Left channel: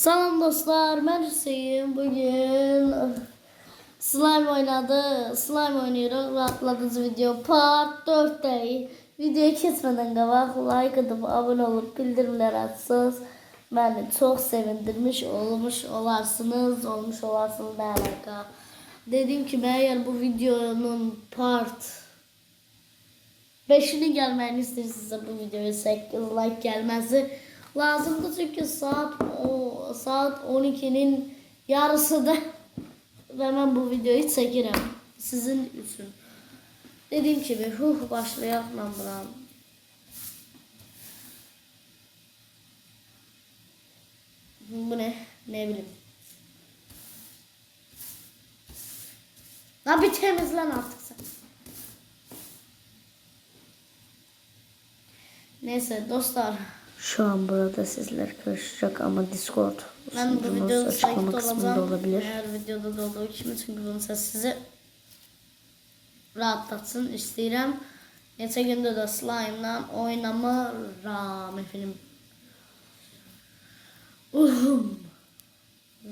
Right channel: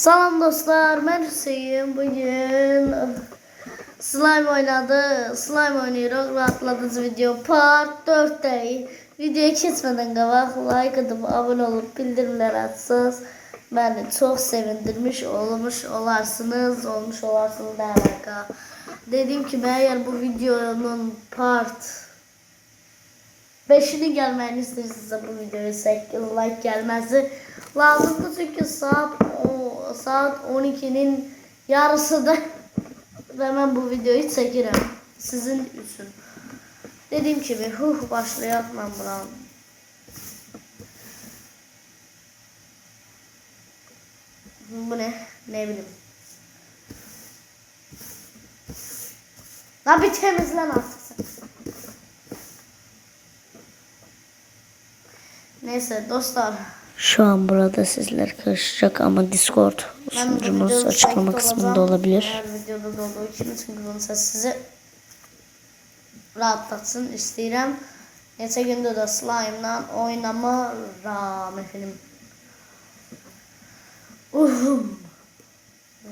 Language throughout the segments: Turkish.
Salam dostlar, ben Hüseyin. Bugün slime oynadı. Slime oynuyoruz. Rahatladıcı video part 4'te. Videoya geçmeden qabaq like atıp abone olup bildirimler açsanız beni çok sevindirmiş olmuş olarsınız. Olmuş olarsınız ne alaka. Dediğim gibi eğer bu videonun part 5'ini gelmeni isterseniz bu videoya 8 like gelmesi lazımdı çünkü saat o, saat 12'nin yarısı da hemen bu videoyu çekerim sizin için. Dediğim gibi huh başlayalım buna. Bu ne? Ne bileyim. Lan bir temizlen artık sen. Neyse dostlar. Şu an burada sizler karışacak ama Discord sunucumuz açıklama kısmında olabilir. Eğer videoda da olduğu için çünkü bunu sizi rahatlatsın istəyirəm. Neçə gündür də slime-la oynamıram efendim. Uhum. Bu,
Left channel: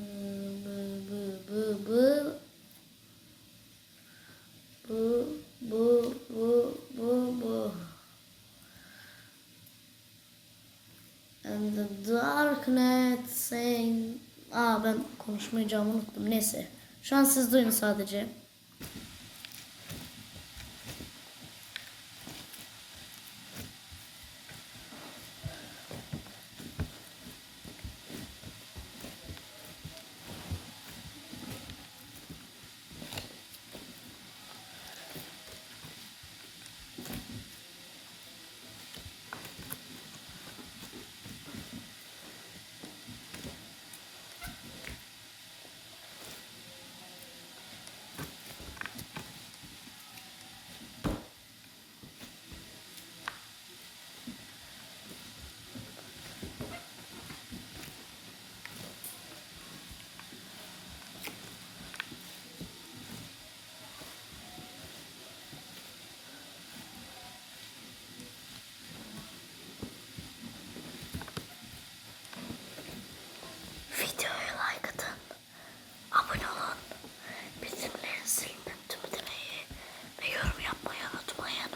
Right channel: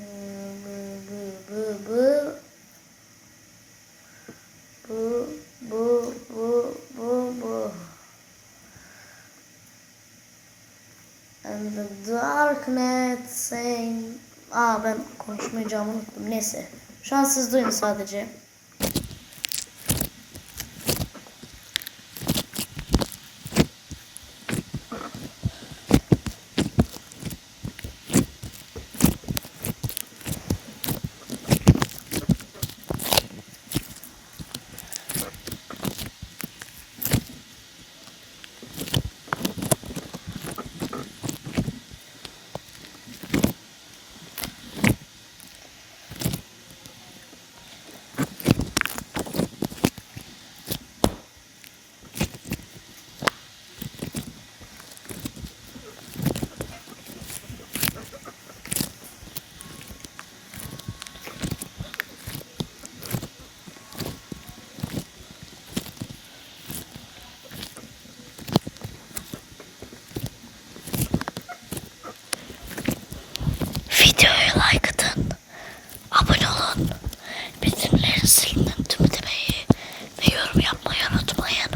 bu, bu, bu, bu. Bu, bu, bu, bu, bu. And the darknet saying... Aa ben konuşmayacağımı unuttum. Neyse. Şu an siz duyun sadece. Videoya like atın. Abone olun. Bildirimleri silinin tüm demeyi ve yorum yapmayı unutmayın.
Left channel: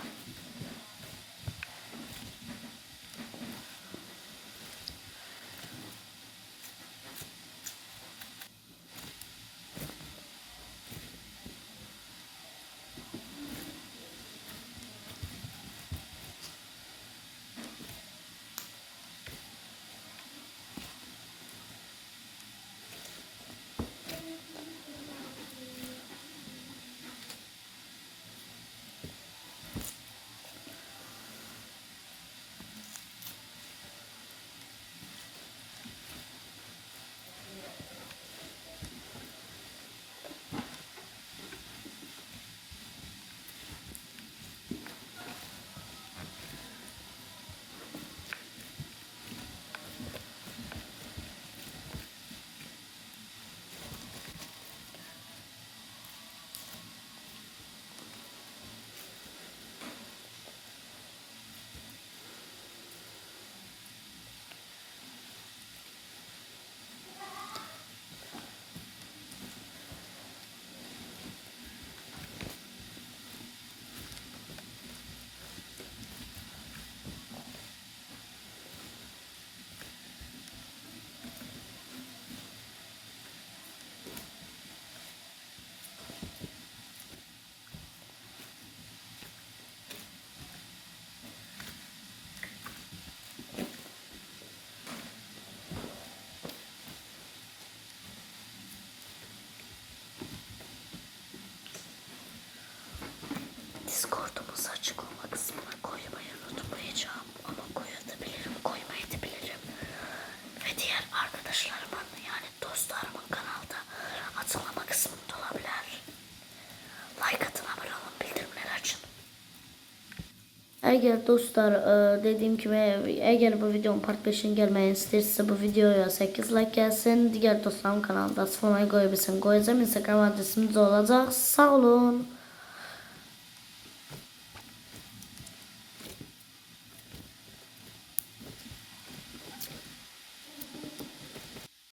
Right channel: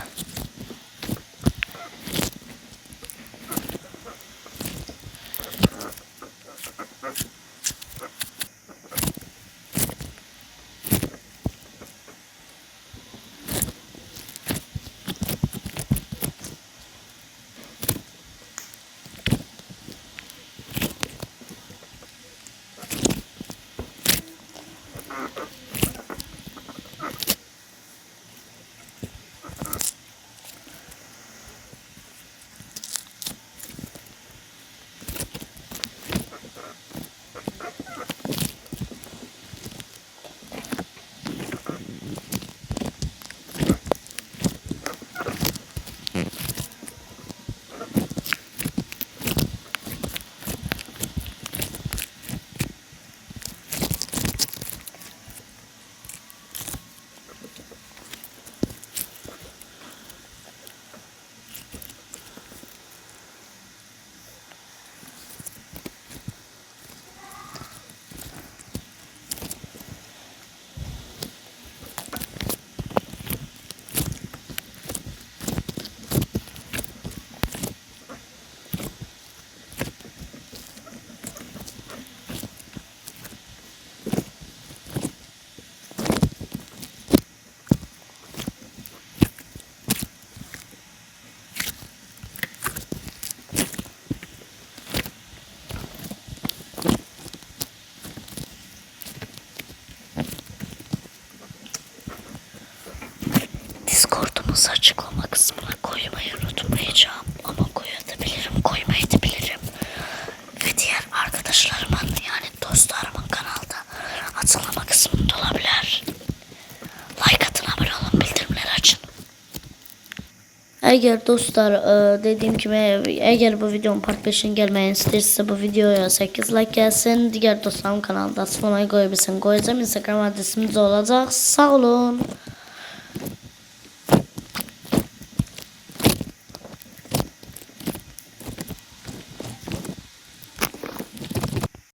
Discord'umuzu açıklama kısmına koymayı unutmayacağım. Ama koyabilirim, koymayabilirim. Ve diğer arkadaşlarımın yani dostlarımın kanalda açıklama kısmında olabilir. Like atın, abone olun, bildirimleri açın. Eğer dostlar e, dediğim gibi eğer bu videonun part 5'in gelmeyi isterse bu videoya 8 like gelsin. Diğer dostlarım kanalda sıfırmayı koyabilsin. Koyacağım Instagram adresimiz olacak. Sağ olun.